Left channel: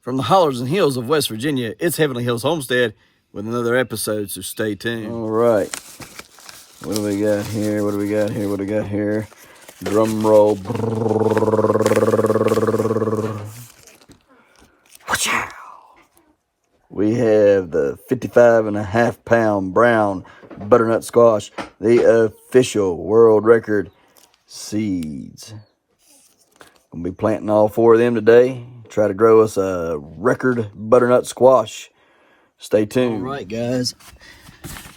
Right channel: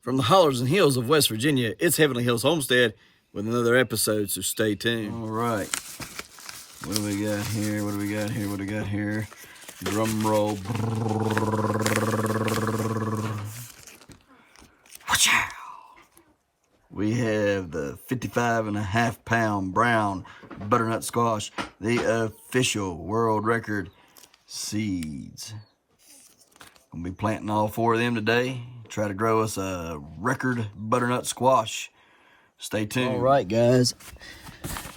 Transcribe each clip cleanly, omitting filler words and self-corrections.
From the hollers and hills of West Virginia, it's Heavenly Hills Homestead with another episode, so stay tuned. All right. What do we got here? What do we got here? What do we got here? Drum roll. We have the 55.5-pound brown butternut squash, the official world record seeds. Gonna be planting all 4 of them today. Try to grow us a record butternut squash. Stay tuned. All right, guys.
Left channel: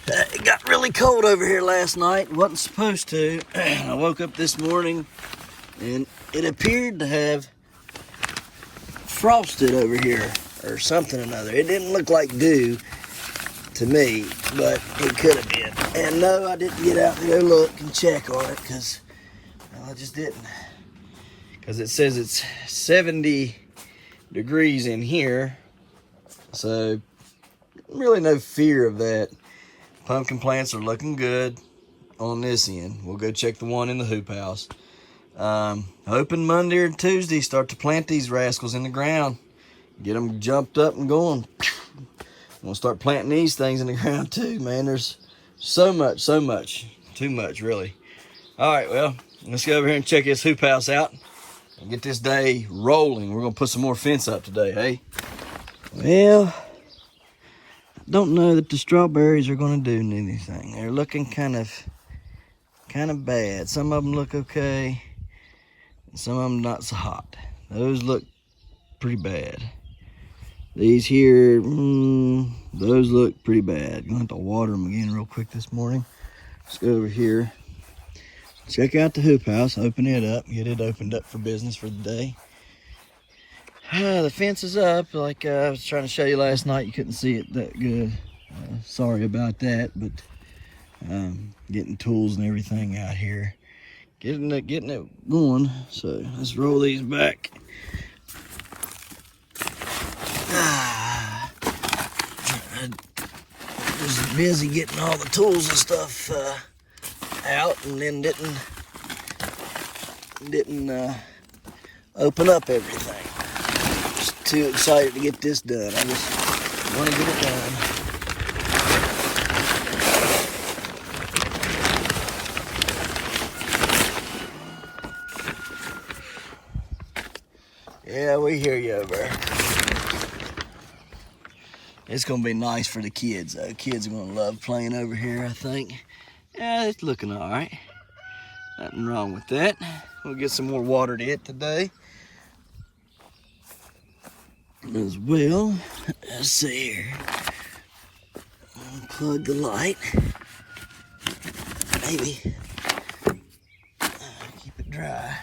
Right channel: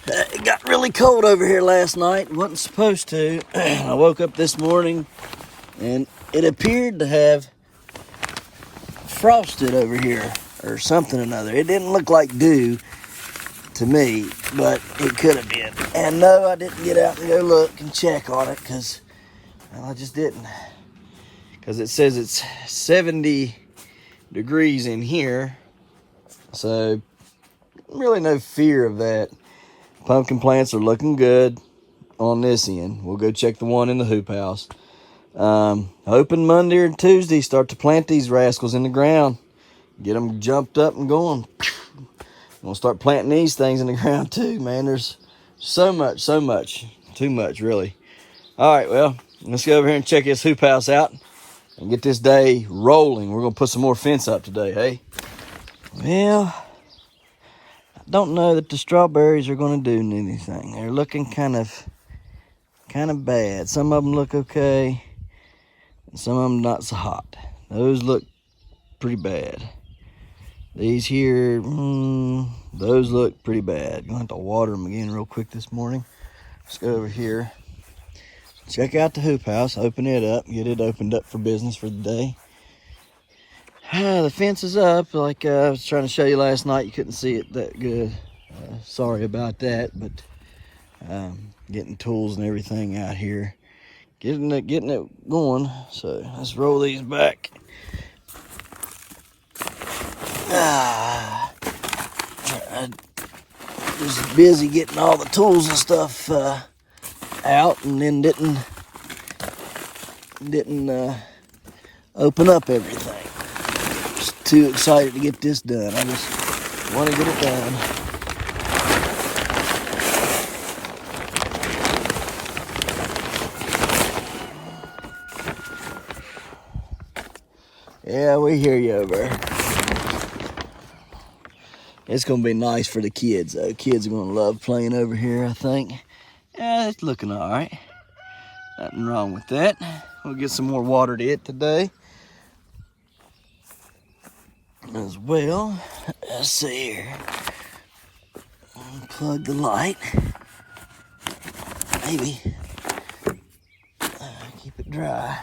It got really cold over here last night. Wasn't supposed to. I woke up this morning and it appeared to have frosted over here or something or another. It didn't look like dew to me, but it could have been. And no, I didn't get out and go look and check on it because I just didn't. Because it says it's 70 degrees in here, so really no fear of that. Pumpkin plants are looking good on this end. We'll go check the one in the hoop house. Hoping Monday or Tuesday start to plant these rascals in the ground, get them jumped up and going. We'll start planting these things in the ground too, man. There's so much, too much really. All right, well, let's go over here and check this hoop house out and get this day rolling. We're gonna put some more fence up today, hey? Well, I don't know that the strawberries are gonna do anything. They're looking kind of bad. Some of them look okay, and some of them not so hot. Those look pretty bad. These here, those look pretty bad. Gonna have to water them again real quick this morning. Let's go over here. Check out the hoop house, open it up, get it opened up for business for the day. The fence is up, like I was trying to show you last night. You couldn't see it that good. Sorry about that, but getting tools and everything out here. Getting it going. So let's roll these back. I was busy getting all the tools and stuff out, and then didn't open up everything. Just too excited to get this done. I just want to get it done. Yeah, we hear you over there. It's gonna be nice for the kids though. Kids are gonna love playing over here, I think. Yeah, it's looking all right. Nothing wrong with that. We'll get some more water to it today as well. Let's see here. Unplug the light. Maybe. Keep it dry.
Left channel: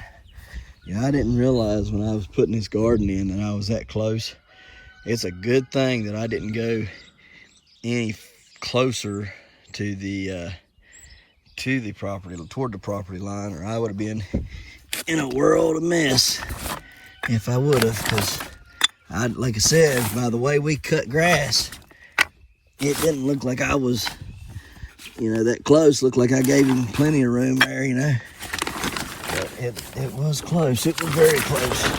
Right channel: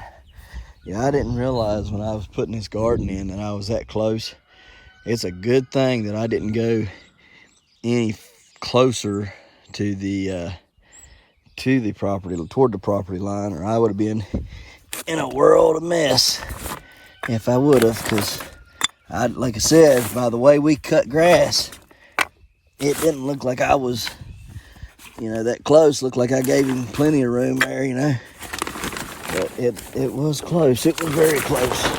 Yeah, I didn't realize when I was putting this garden in that I was that close. It's a good thing that I didn't go any closer to the property, toward the property line, or I would have been in a world of mess if I would have. Because like I said, by the way we cut grass, it didn't look like I was, that close. Looked like I gave him plenty of room there, But it was close. It was very close.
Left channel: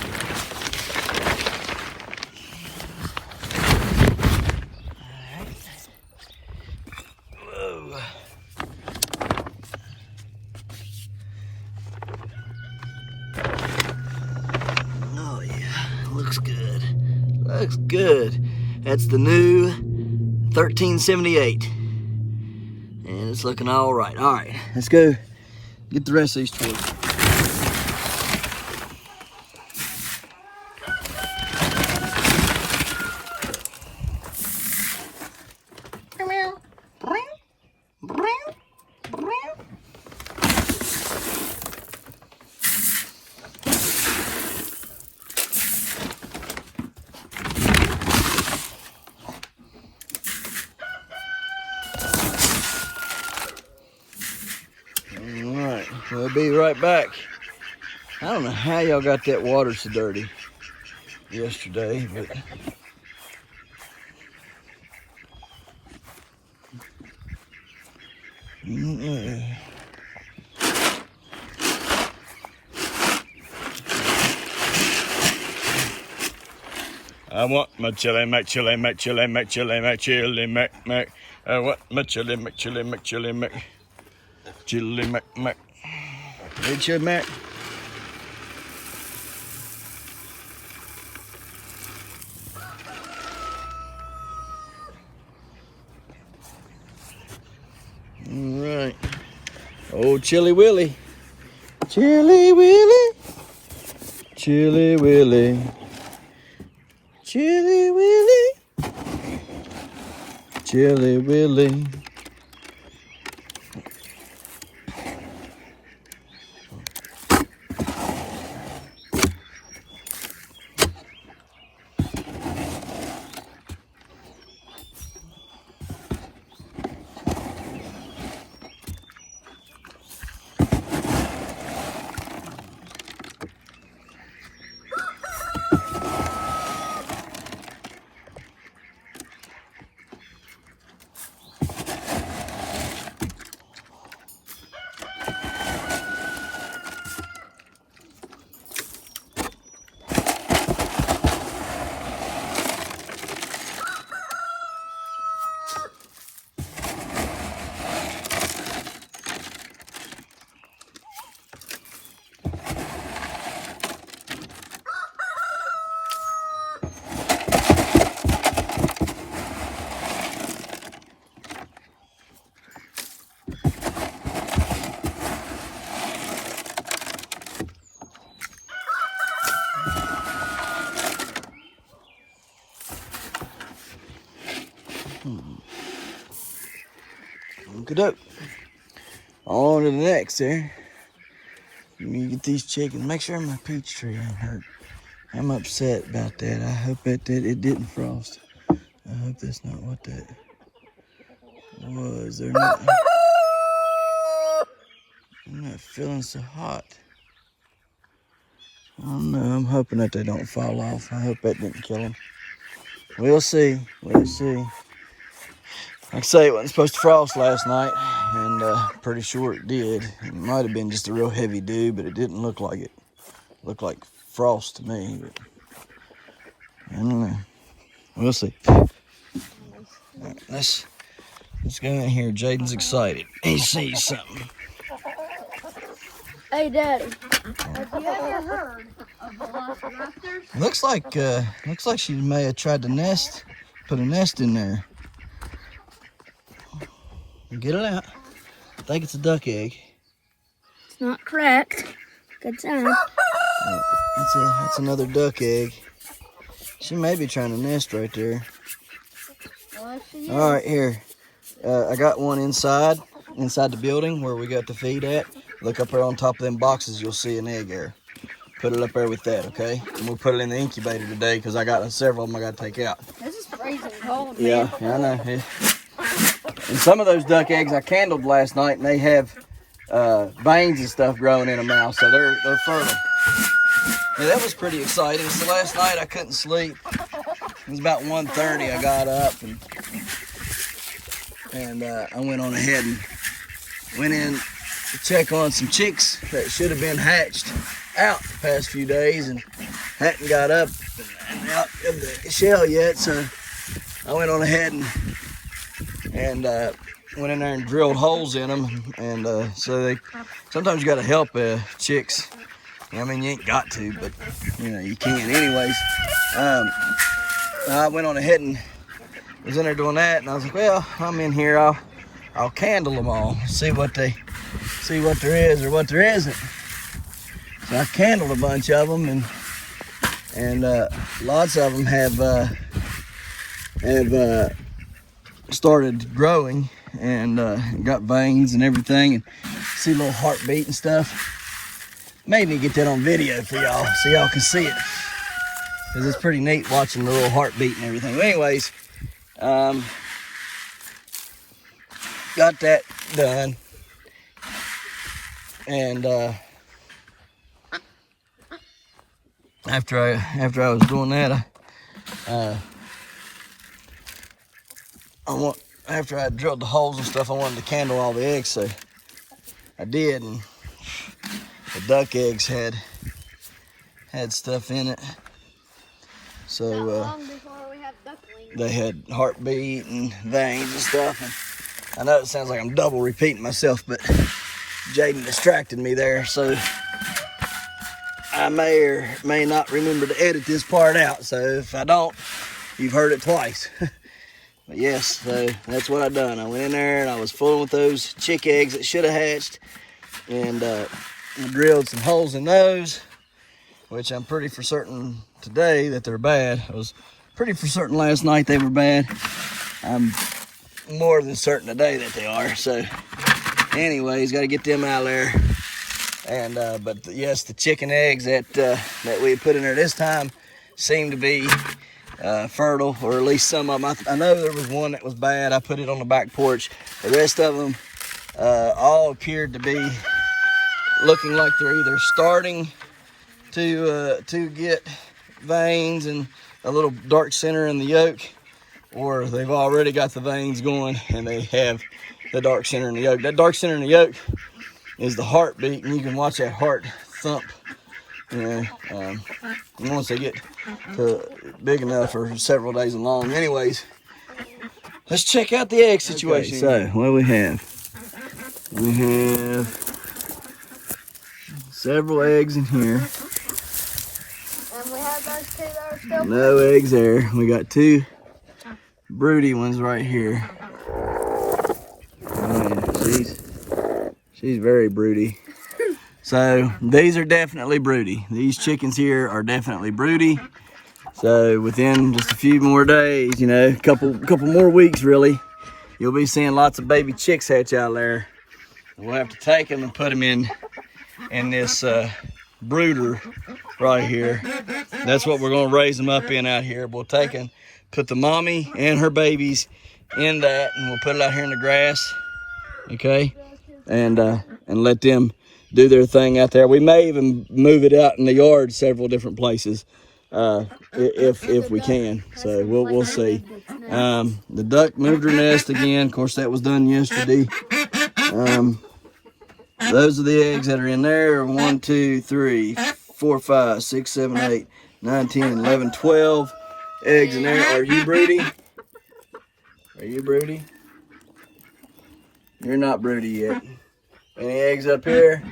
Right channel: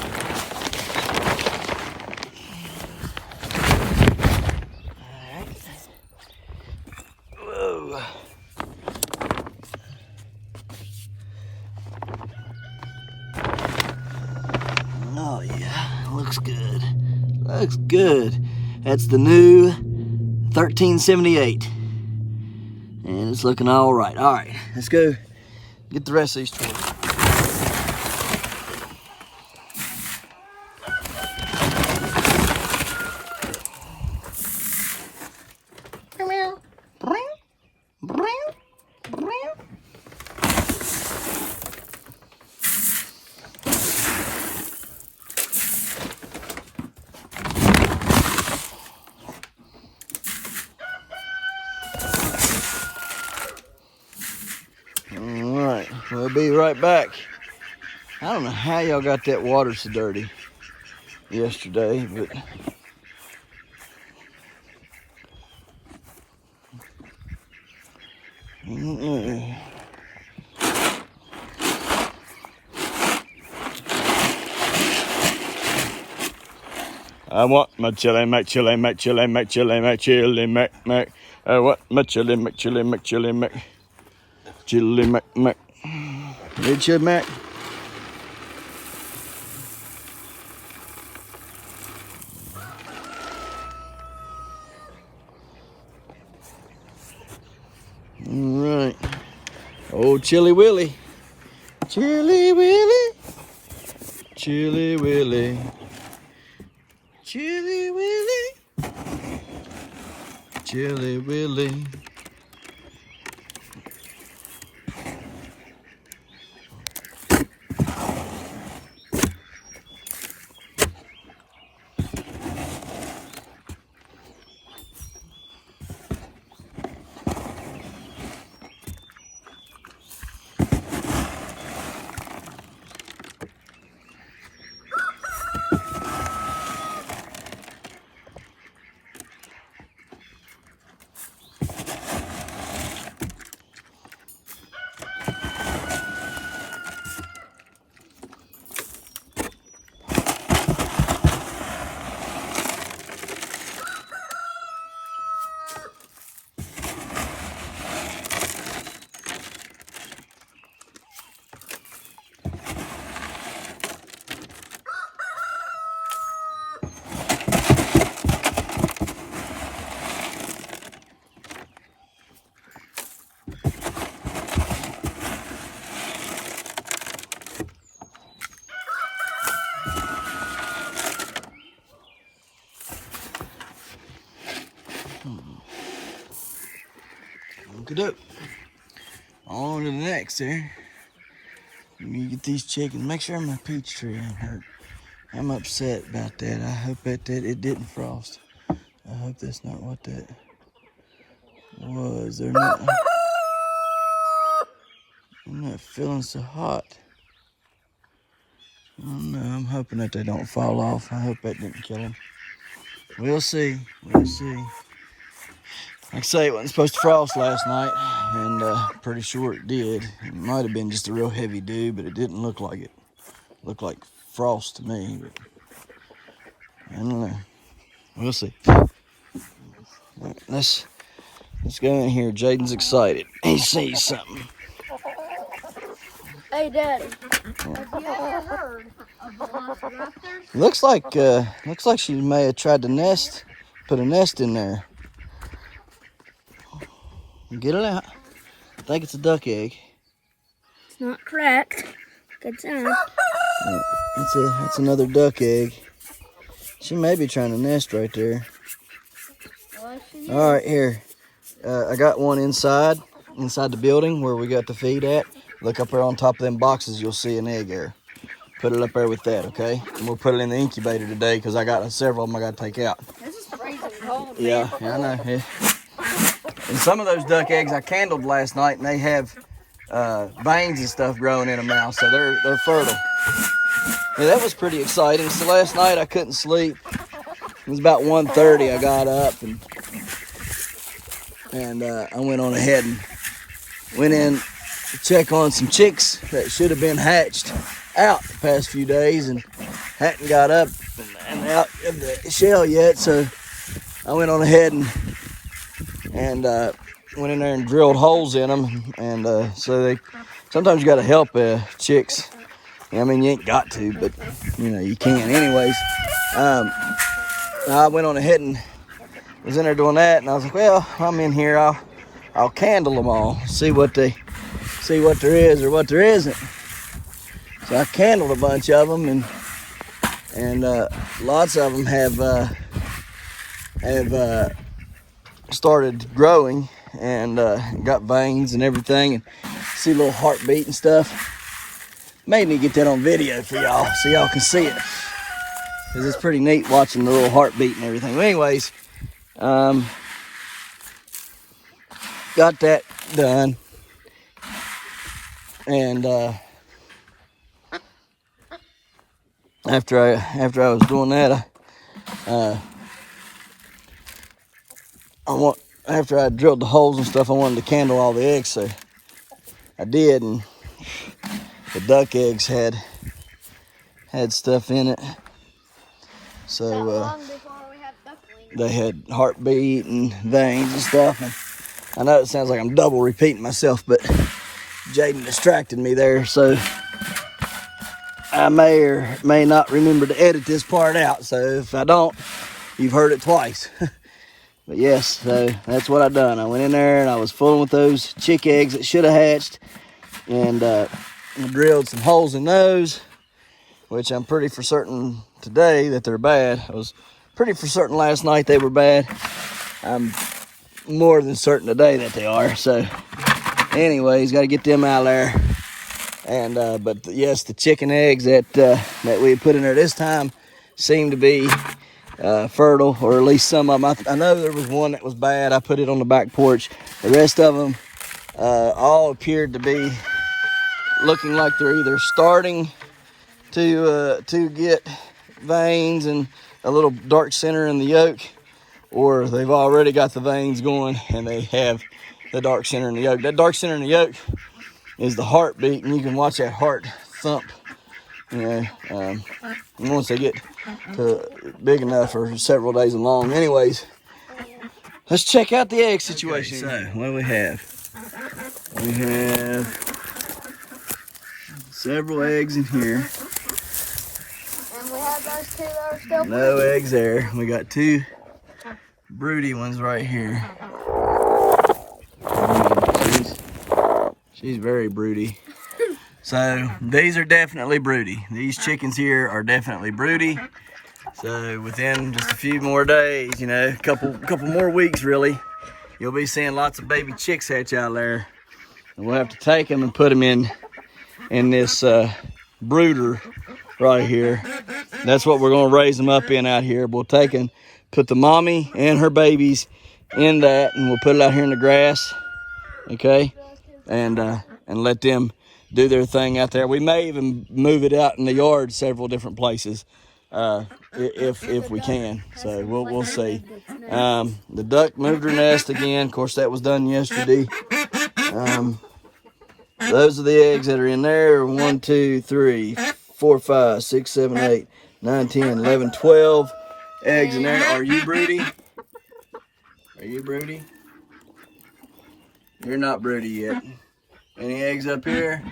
Looks good. That's the new 1378. And it's looking all right. All right, let's go get the rest of these tools. We'll be right back. I don't know how y'all got that water so dirty yesterday, but I want my chili mac, chili mac, chili mac, chili mac, chili mac, mac. I want my chili mac, chili mac, chili mac, chili mac, mac. Need chili mac? All right. Old Chili Willy. Chili Willy. Chili Willy. Chili Willy. Chili Willy. Okey-doke. On to the next there. Let me get these chickens. Make sure my peach tree ain't hurt. I'm upset about that. I hope that it didn't frost. I hope that's not what that was. I'm not feeling so hot. I don't know. I'm hoping that they don't fall off. I hope that didn't kill them. We'll see. We'll see. Like I say, it wasn't supposed to frost last night, and pretty sure it did. It might have been just a real heavy dew, but it didn't look like it. It looked like frost to me, but I don't know. We'll see. Let's go in here. Jaden's excited. He sees something. Hey, Daddy. Looks like she may have tried to put a nest in there. Get it out. I think it's a duck egg. It's not correct. Good job. That's another duck egg. She may be trying to nest right there. All right, here. I got one inside the building where we got the feed at. Look up there on top of them boxes. You'll see an egg there. Put it up there with that, okay? And we'll put it in the incubator today because I got several of them I got to take out. This is freezing cold. Yeah, I know. Yeah. And some of those duck eggs I candled last night, and they have veins and stuff growing in them now, so they're fertile. Yeah, that was pretty exciting. So last night I couldn't sleep. It was about 1:30. I got up and I went on ahead and went in to check on some chicks that should have been hatched out the past few days and hadn't got up and out of the shell yet. So I went on ahead and went in there and drilled holes in them, and so sometimes you got to help chicks. I mean, you ain't got to, but you can anyways. I went on ahead and was in there doing that, and I was like, well, I'm in here, I'll candle them all, see what there is or what there isn't. So I candled a bunch of them, and lots of them have started growing and got veins and everything, and see a little heartbeat and stuff. Made me get that on video for y'all so y'all can see it, because it's pretty neat watching the little heartbeat and everything. But anyways, got that done, and after I was doing that, after I drilled the holes and stuff, I wanted to candle all the eggs, so I did, and the duck eggs had stuff in it. So they had heartbeat and veins and stuff. And I know it sounds like I'm double repeating myself, but Jaden distracted me there, so I may or may not remember to edit this part out. So if I don't, you've heard it twice. But yes, so that's what I done. I went in there and I was fooling with those chick eggs that should have hatched, and I drilled some holes in those, which I'm pretty for certain today that they're bad. I was pretty for certain last night they were bad. I'm more than certain today that they are. So anyways, got to get them out of there. And but yes, the chicken eggs that we put in there this time seem to be fertile, or at least some of them. I know there was one that was bad. I put it on the back porch. The rest of them all appeared to be looking like they're either starting to get veins and a little dark center in the yolk, or they've already got the veins going and they have the dark center in the yolk. That dark center in the yolk is the heartbeat, and you can watch that heart thump. You know, once they get to big enough for several days long. Anyways, let's check out the egg situation. Okay, so what do we have? We have several eggs in here. No eggs there. We got two broody ones right here. She's very broody. So these are definitely broody. These chickens here are definitely broody. So within just a few more days, you know, a couple more weeks really, you'll be seeing lots of baby chicks hatch out there. And we'll have to take them and put them in this brooder right here. That's what we're gonna raise them up in out here. We'll take and put the mommy and her babies in that, and we'll put it out here in the grass, okay? And let them do their thing out there. We may even move it out in the yard several different places if we can. So we'll see. The duck moved her nest again. Of course, that was done yesterday. Those are the eggs that are in there. 1, 2, 3, 4, 5, 6, 7, 8, 9, 10, 11, 12 eggs in there. Are you broody? Are you broody? You're not broody yet. Any eggs up here?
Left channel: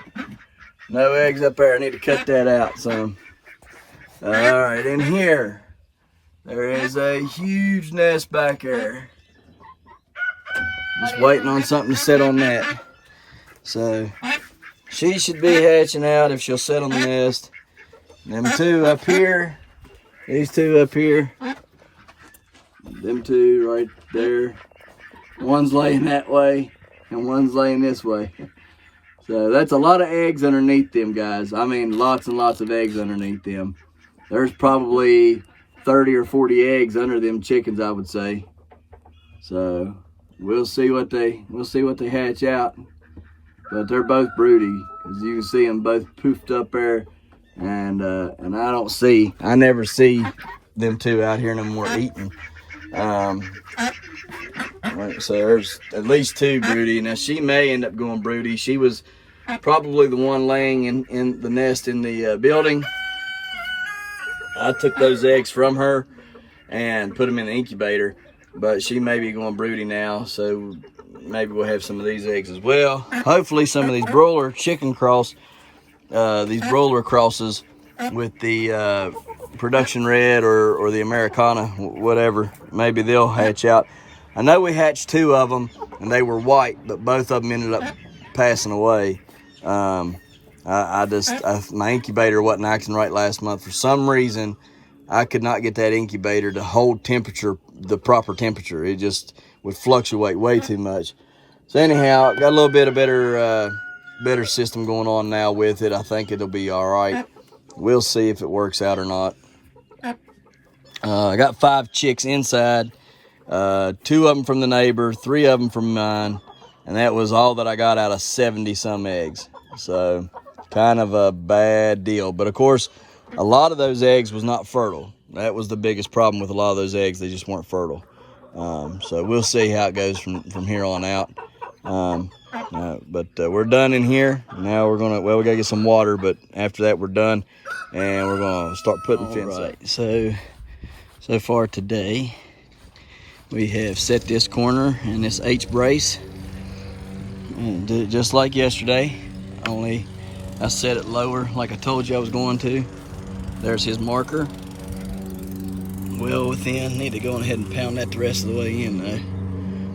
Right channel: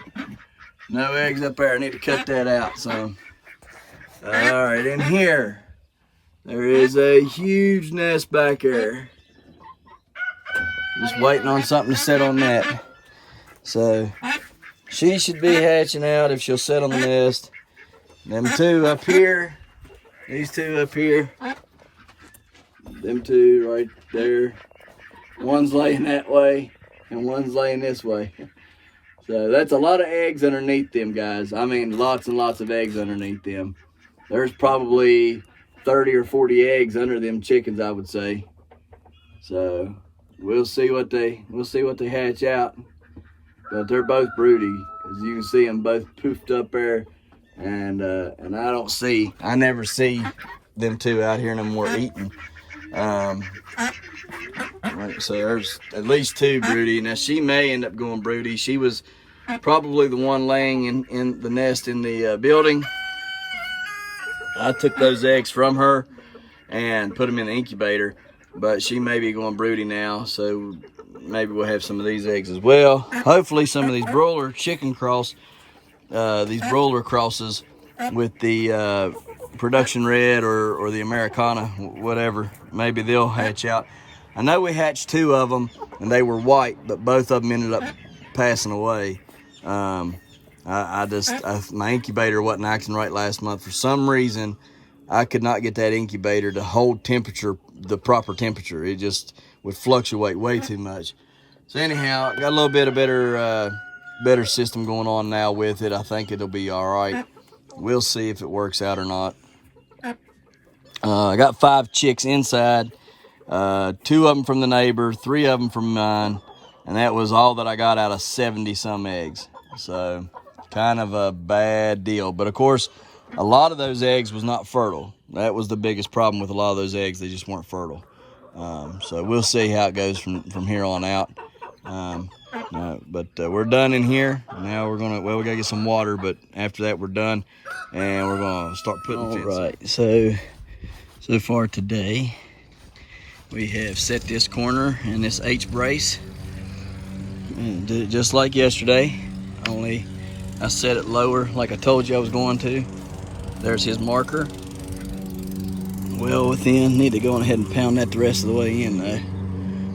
No eggs up there. I need to cut that out some. All right, in here, there is a huge nest back there. Just waiting on something to sit on that. So she should be hatching out if she'll sit on the nest. Them two up here, these two up here, them two right there. One's laying that way and one's laying this way. So that's a lot of eggs underneath them, guys. I mean, lots and lots of eggs underneath them. There's probably 30 or 40 eggs under them chickens, I would say. So we'll see what they hatch out. But they're both broody, as you can see them both poofed up there, and I never see them two out here no more eating. So there's at least two broody. Now she may end up going broody. She was probably the one laying in the nest in the building. I took those eggs from her and put them in the incubator, but she may be going broody now, so maybe we'll have some of these eggs as well. Hopefully some of these broiler chicken these broiler crosses with the production red or the Americana, whatever, maybe they'll hatch out. I know we hatched two of them and they were white, but both of them ended up passing away. My incubator wasn't acting right last month. For some reason, I could not get that incubator to hold the proper temperature. It just would fluctuate way too much. So anyhow, got a little bit of better system going on now with it. I think it'll be all right. We'll see if it works out or not. I got 5 chicks inside, 2 of them from the neighbor, 3 of them from mine, and that was all that I got out of 70 some eggs. So kind of a bad deal. But of course, a lot of those eggs was not fertile. That was the biggest problem with a lot of those eggs. They just weren't fertile. So we'll see how it goes from here on out. But we're done in here. Now we're gonna, we gotta get some water, but after that we're done, and we're gonna start putting fence up. So far today, we have set this corner and this H brace. And did it just like yesterday, only I set it lower like I told you I was going to. There's his marker. Well within. Need to go on ahead and pound that the rest of the way in though.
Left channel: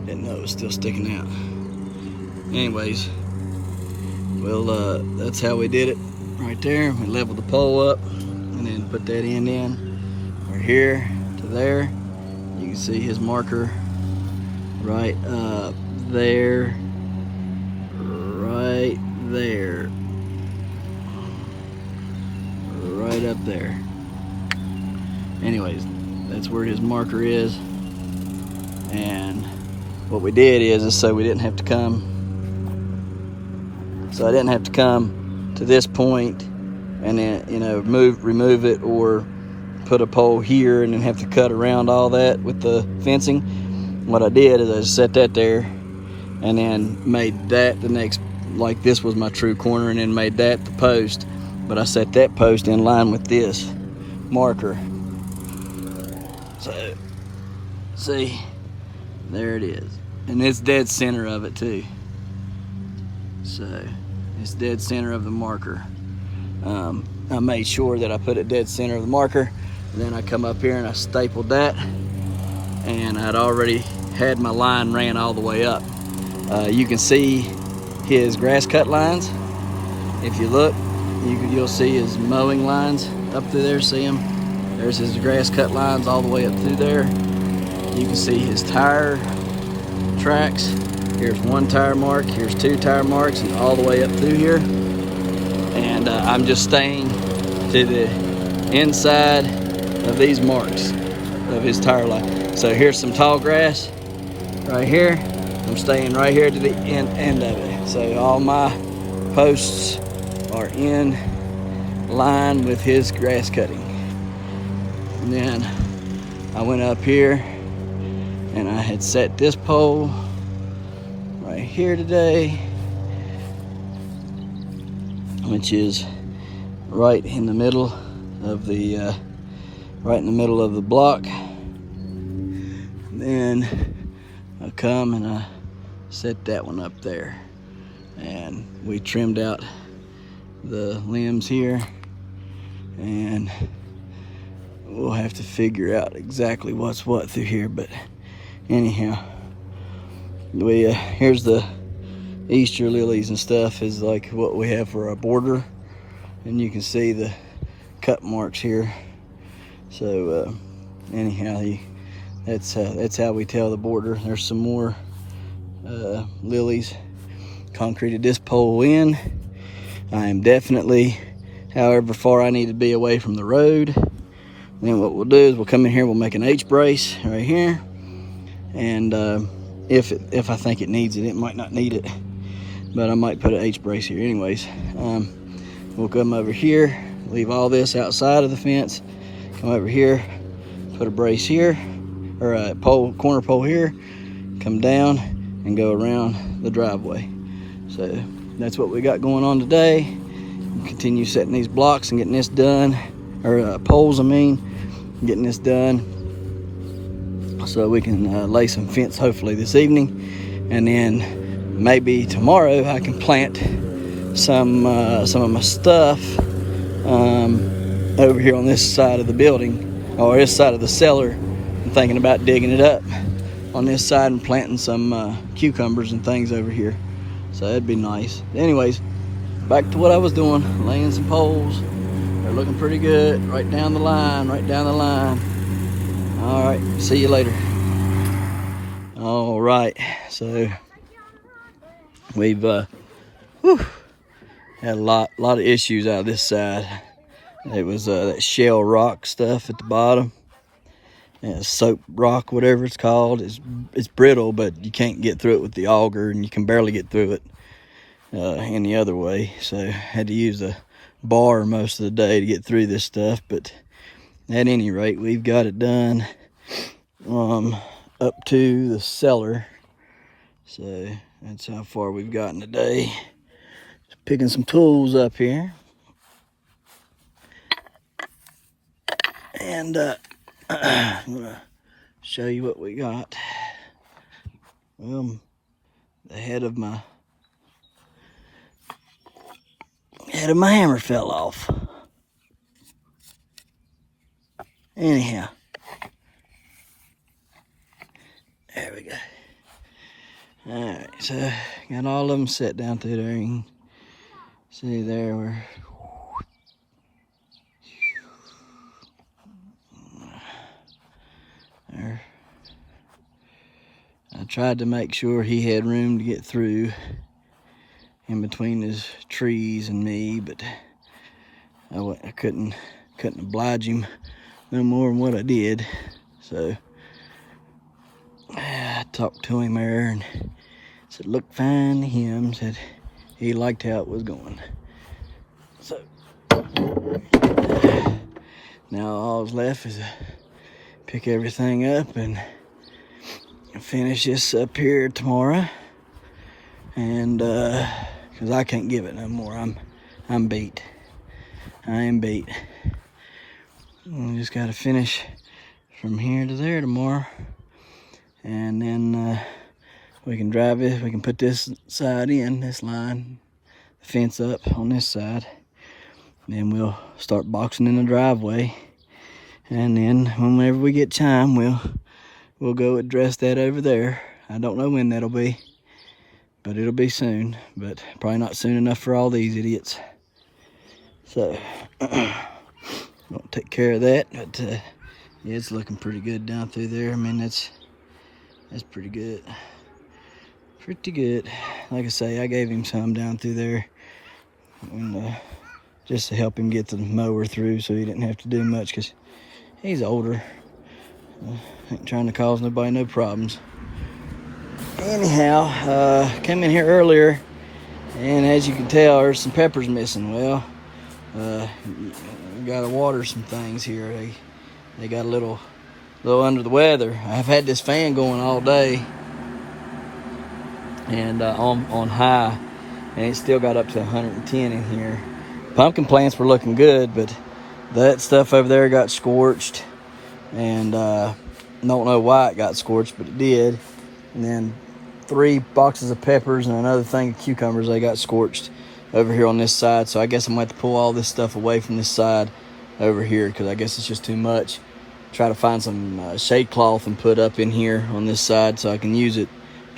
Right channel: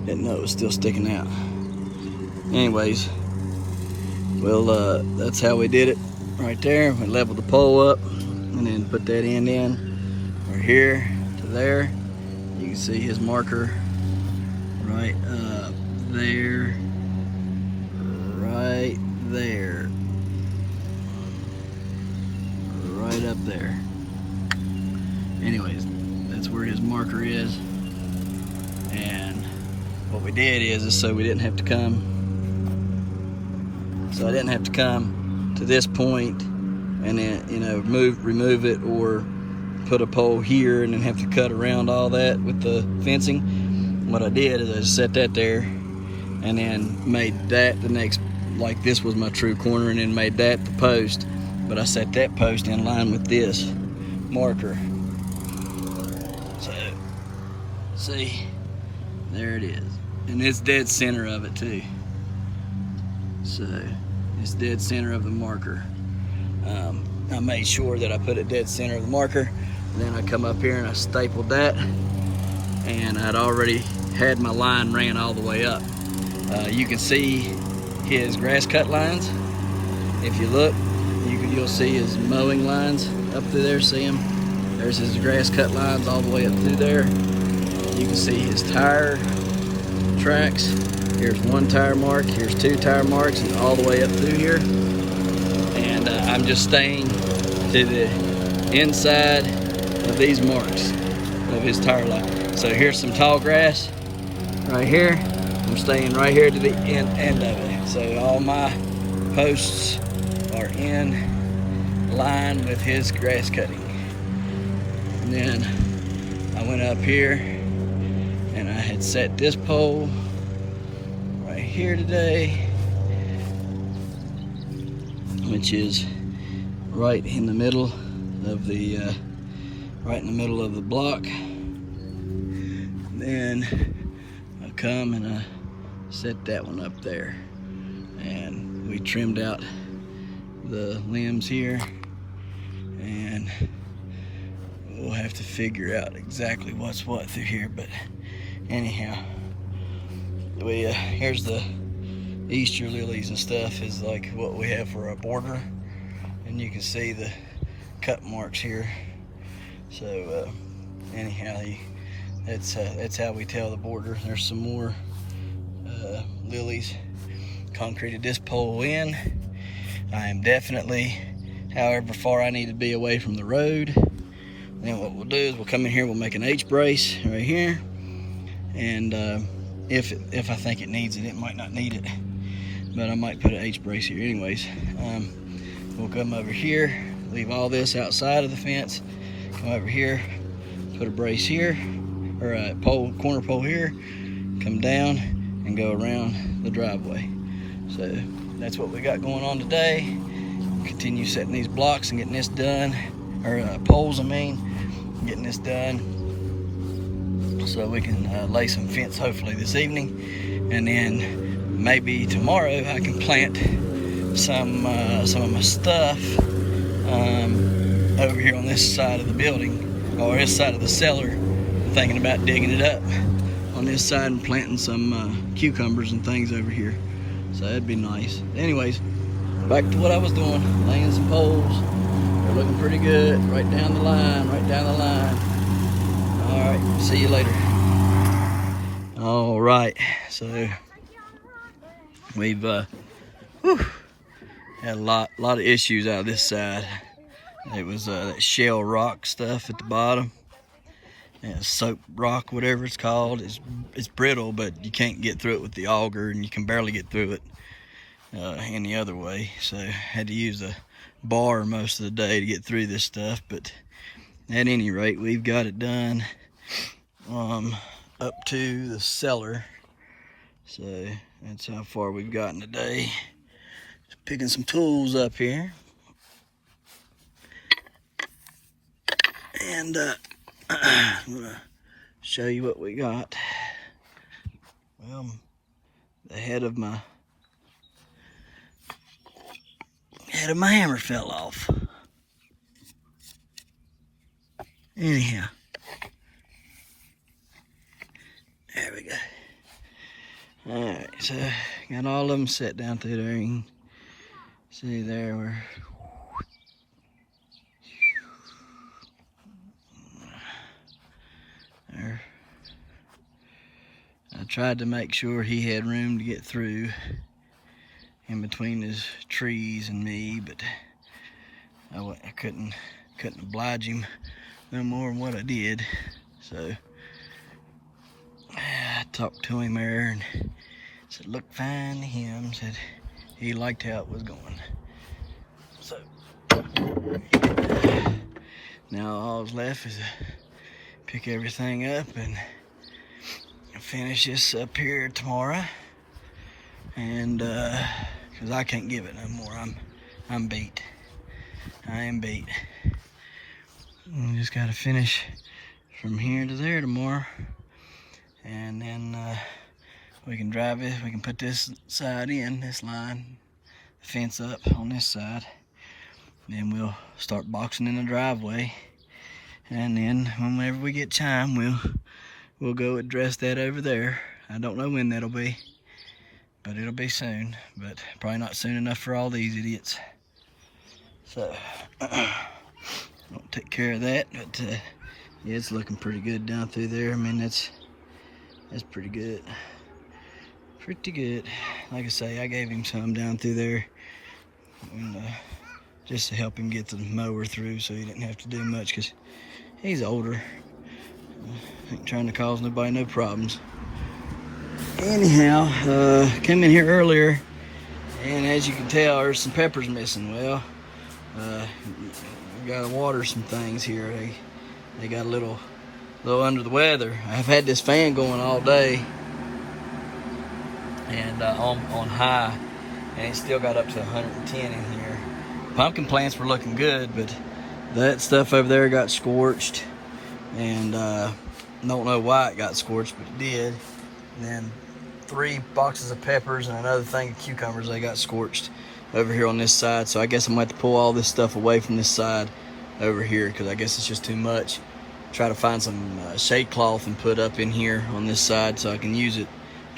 Didn't know it was still sticking out. Anyways, well, that's how we did it right there. We leveled the pole up and then put that end in from here to there. You can see his marker right up there, right there, right up there. Anyways, that's where his marker is. And what we did is so we didn't have to come. So I didn't have to come to this point and then, you know, remove it or put a pole here and then have to cut around all that with the fencing. What I did is I just set that there and then made that the next, like this was my true corner, and then made that the post. But I set that post in line with this marker. So, see, there it is. And it's dead center of it too. So, it's dead center of the marker. I made sure that I put it dead center of the marker, and then I come up here and I stapled that, and I'd already had my line ran all the way up. You can see his grass cut lines. If you look, you'll see his mowing lines up through there. See them? There's his grass cut lines all the way up through there. You can see his tire tracks. Here's one tire mark, here's two tire marks, and all the way up through here. And I'm just staying to the inside of these marks of his tire line. So here's some tall grass right here. I'm staying right here to the end of it. So all my posts are in line with his grass cutting. And then I went up here and I had set this pole right here today, which is right in the middle of the block. Then I come and I set that one up there, and we trimmed out the limbs here, and we'll have to figure out exactly what's what through here. But anyhow, here's the Easter lilies and stuff is like what we have for our border, and you can see the cut marks here. So anyhow, that's how we tell the border. There's some more lilies. Concreted this pole in. I am definitely, however far I need to be away from the road. Then what we'll do is we'll come in here, we'll make an H brace right here, and if I think it needs it, it might not need it, but I might put an H brace here anyways. We'll come over here, leave all this outside of the fence, come over here, put a brace here, or a corner pole here, come down and go around the driveway. So that's what we got going on today. We'll continue setting these blocks and getting this done, or poles I mean, getting this done, so we can lay some fence hopefully this evening, and then maybe tomorrow I can plant some of my stuff over here on this side of the building, or this side of the cellar. I'm thinking about digging it up on this side and planting some cucumbers and things over here, so that'd be nice. Anyways, back to what I was doing, laying some poles. They're looking pretty good, right down the line, right down the line. All right, see you later. All right, so we've had a lot of issues out of this side. It was that shell rock stuff at the bottom, soap rock, whatever it's called. It's brittle, but you can't get through it with the auger, and you can barely get through it any other way. So I had to use a bar most of the day to get through this stuff. But at any rate, we've got it done up to the cellar. So that's how far we've gotten today. Just picking some tools up here. And I'm gonna show you what we got. Well, the head of my hammer fell off. Anyhow, there we go. All right, so got all of them set down through there. You can see there where there. I tried to make sure he had room to get through in between his trees and me, but I couldn't oblige him no more than what I did. So I talked to him there and said, looked fine to him, said he liked how it was going. So now all's left is to pick everything up and finish this up here tomorrow. And because I can't give it no more. I'm beat. I am beat. We just got to finish from here to there tomorrow, and then we can drive it. We can put this side in, this line, the fence up on this side. Then we'll start boxing in the driveway, and then whenever we get time, we'll go address that over there. I don't know when that'll be, but it'll be soon. But probably not soon enough for all these idiots. So I'll take care of that. But yeah, it's looking pretty good down through there. I mean, that's pretty good. Pretty good. Like I say, I gave him some down through there, and just to help him get the mower through, so he didn't have to do much, because he's older. Ain't trying to cause nobody no problems. Anyhow, came in here earlier, and as you can tell, there's some peppers missing. Well, we gotta water some things here. They got a little under the weather. I've had this fan going all day, and on high, and it still got up to 110 in here. Pumpkin plants were looking good, but that stuff over there got scorched, and don't know why it got scorched, but it did. And then 3 boxes of peppers and another thing of cucumbers, they got scorched over here on this side. So I guess I'm gonna have to pull all this stuff away from this side over here, because I guess it's just too much. Try to find some shade cloth and put up in here on this side so I can use it.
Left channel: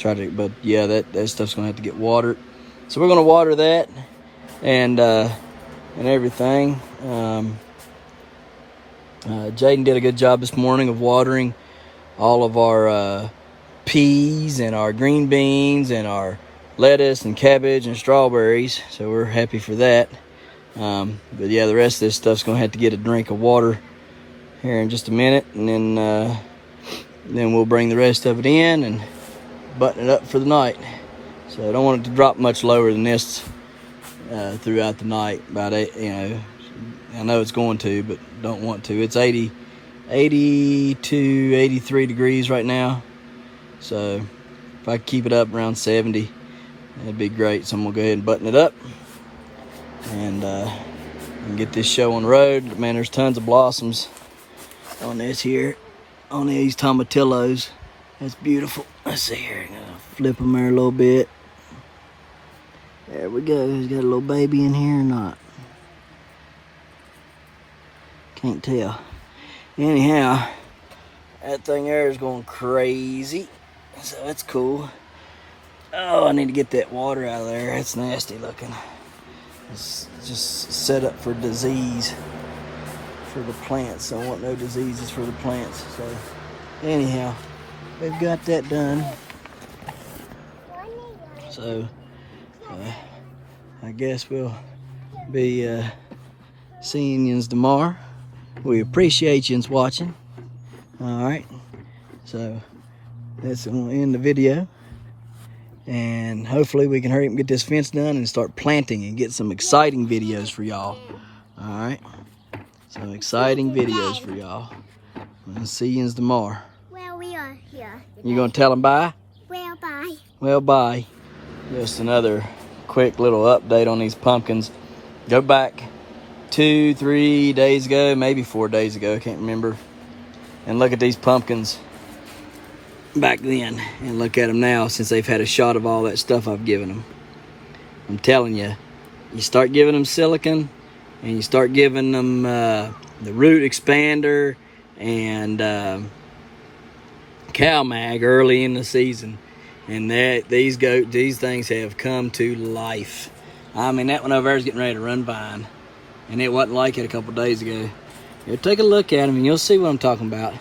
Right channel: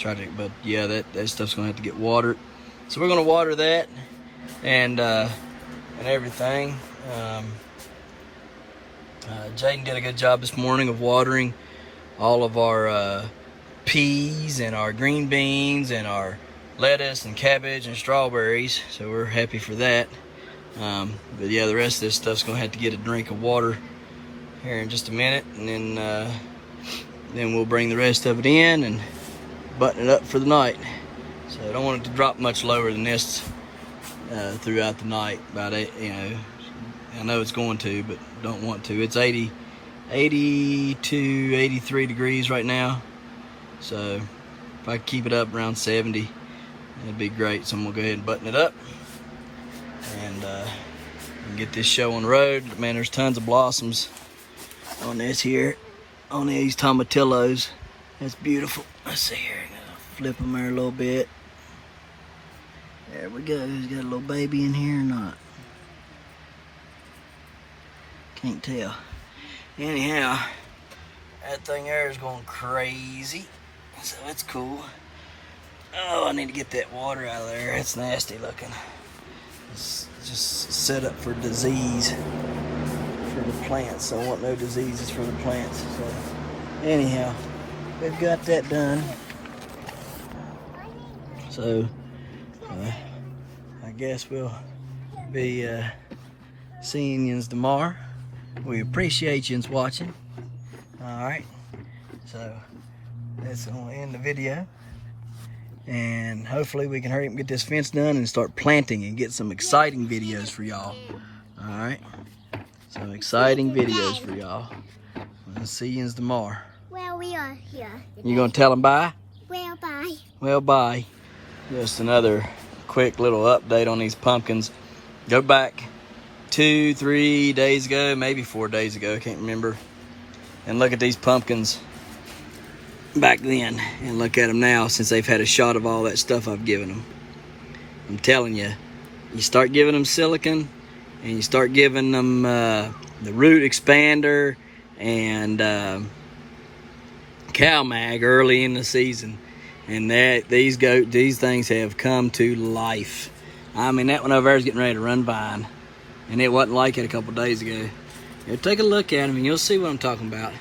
But yeah, that stuff's gonna have to get watered. So we're gonna water that and everything. Jaden did a good job this morning of watering all of our peas and our green beans and our lettuce and cabbage and strawberries, so we're happy for that. But yeah, the rest of this stuff's gonna have to get a drink of water here in just a minute, and then we'll bring the rest of it in and button it up for the night. So I don't want it to drop much lower than this throughout the night. About 8, I know it's going to, but don't want to. It's 80 to 83 degrees right now. So if I keep it up around 70, that'd be great. So I'm gonna go ahead and button it up and get this show on the road. Man, there's tons of blossoms on this here, on these tomatillos. That's beautiful. Let's see here. Flip them there a little bit. There we go. He's got a little baby in here or not? Can't tell. Anyhow, that thing there is going crazy. So that's cool. Oh, I need to get that water out of there. It's nasty looking. It's just set up for disease for the plants. So I want no diseases for the plants. So anyhow, we've got that done. So I guess we'll be seeing yous tomorrow. We appreciate yous watching. Alright, so that's going to end the video. And hopefully we can hurry up and get this fence done and start planting and get some exciting videos for y'all. Alright, some exciting videos for y'all. We'll see yous tomorrow. Well, we are here. You going to tell them bye? Well, bye. Well, bye. Just another quick little update on these pumpkins. Go back 2-3 days ago, maybe 4 days ago, I can't remember. And look at these pumpkins. back then and look at them now since they've had a shot of all that stuff I've given them. I'm telling you, you start giving them silicon and you start giving them the root expander and CalMag early in the season, and these things have come to life. I mean, that one over there is getting ready to run vine, and it wasn't like it a couple days ago. Here, take a look at them and you'll see what I'm talking about.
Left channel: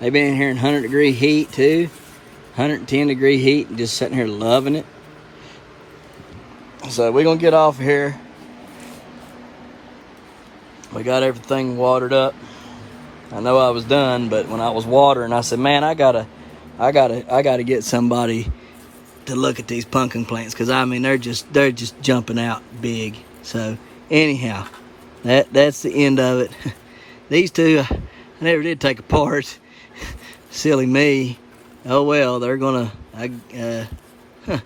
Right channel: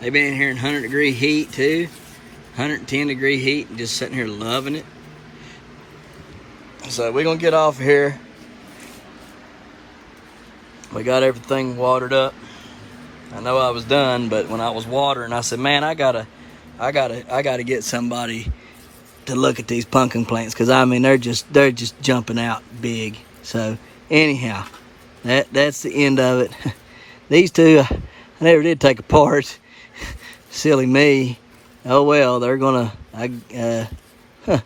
They've been in here in 100-degree heat too, 110-degree heat, and just sitting here loving it. So we're gonna get off of here. We got everything watered up. I know I was done, but when I was watering, I said, man, I gotta get somebody to look at these pumpkin plants, because I mean they're just jumping out big. So anyhow, that's the end of it. These two I never did take apart. Silly me. Oh well, they're gonna well, I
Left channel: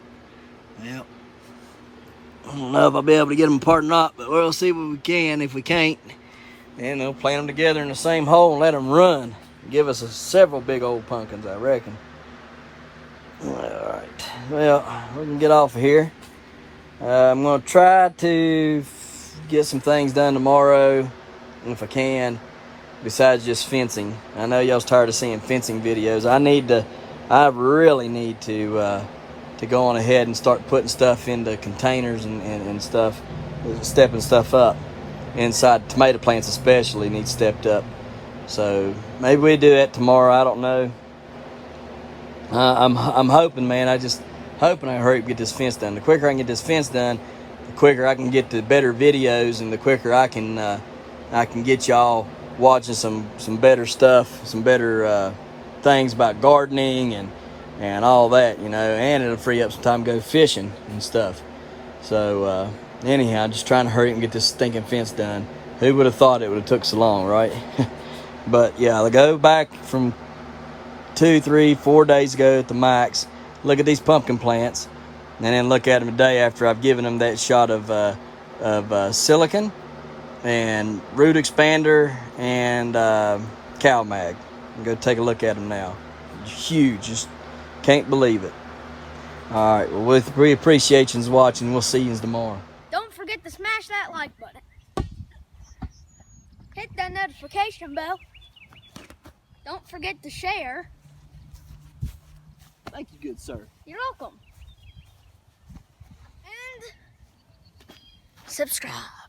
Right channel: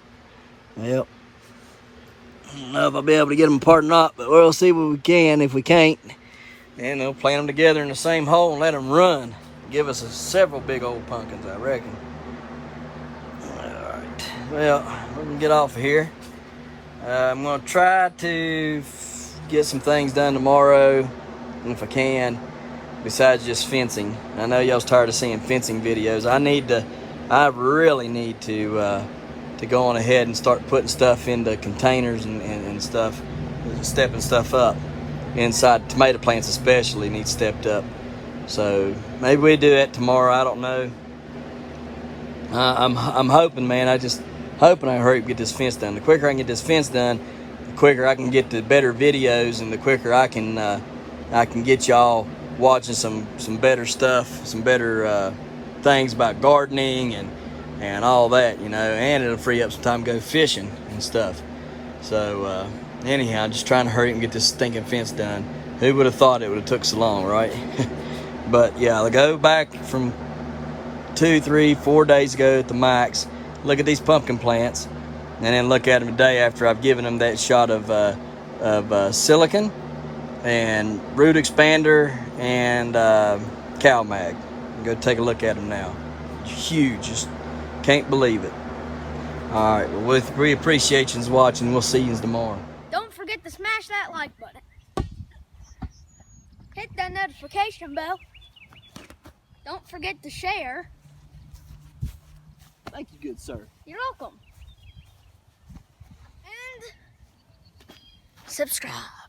don't know if I'll be able to get them apart or not, but we'll see what we can. If we can't, then they'll plant them together in the same hole and let them run. Give us several big old pumpkins, I reckon. All right. Well, we can get off of here. I'm going to try to get some things done tomorrow, if I can, besides just fencing. I know y'all's tired of seeing fencing videos. I really need to go on ahead and start putting stuff into containers and stuff, stepping stuff up. Inside tomato plants especially need stepped up. So maybe we do that tomorrow. I don't know. I'm hoping, man. I just hoping I hurry up get this fence done. The quicker I can get this fence done, the quicker I can get to better videos, and the quicker I can get y'all watching some better stuff, some better things about gardening and all that, you know. And it'll free up some time to go fishing and stuff. So anyhow, just trying to hurry up and get this stinking fence done. Who would have thought it would have took so long, right? But yeah, I'll go back from 2, 3, 4 days ago at the max, look at these pumpkin plants, and then look at them a day after I've given them that shot of silicon and root expander and CalMag. And go take a look at them now. Huge, just can't believe it. All right, well, we appreciate you watching. We'll see you tomorrow. Don't forget to smash that like button. Hit that notification bell. Don't forget to share. Thank you, good sir. You're welcome. And subscribe.